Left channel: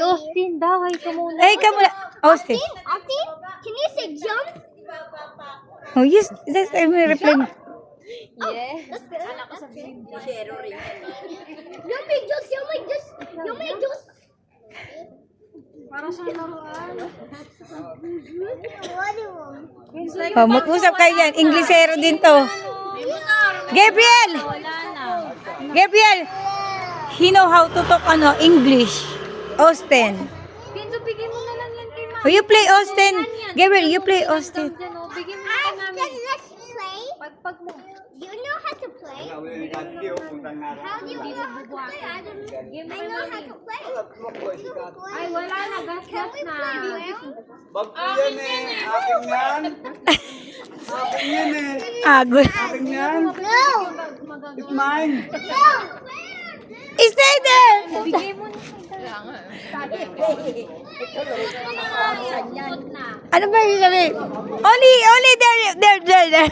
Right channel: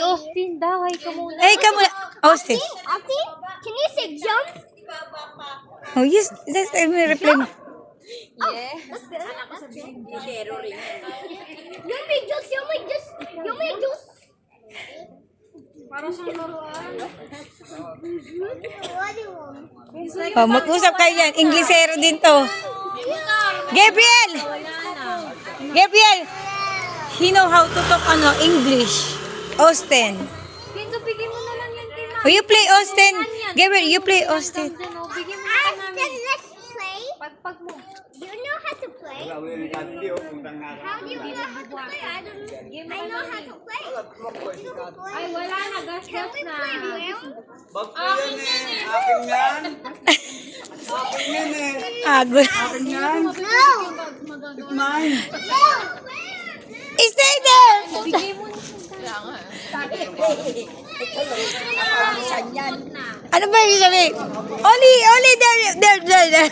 Austin, dahay ka muna. Hey, ka muna. Austin. Austin, can you say jump? Oh, yes. That's, I'm reply mo. That's good. You may juice, you may juice, you may juice. Para sa laruan. Oh, mag-usap kayo yan. Inglesero din to. Gabriel! Gabriel! He know how to talk English. Austin. Pinto, bigay mo na lang yan kay Ma. Oh, you play Austin. Gabriel, you play Austin. Bigyan mo na namin. Let's play. Pagpag mo. Do you know how to play? How do you know how to play? I know how to play. Ay, wala na. Gas-gas na. Bag ko yan eh. Akin yan. Akin yan eh. Agos. Akin yan. No. It's mine. No. Stay there! Bigay mo na. Ano ba yung sabi? Only there.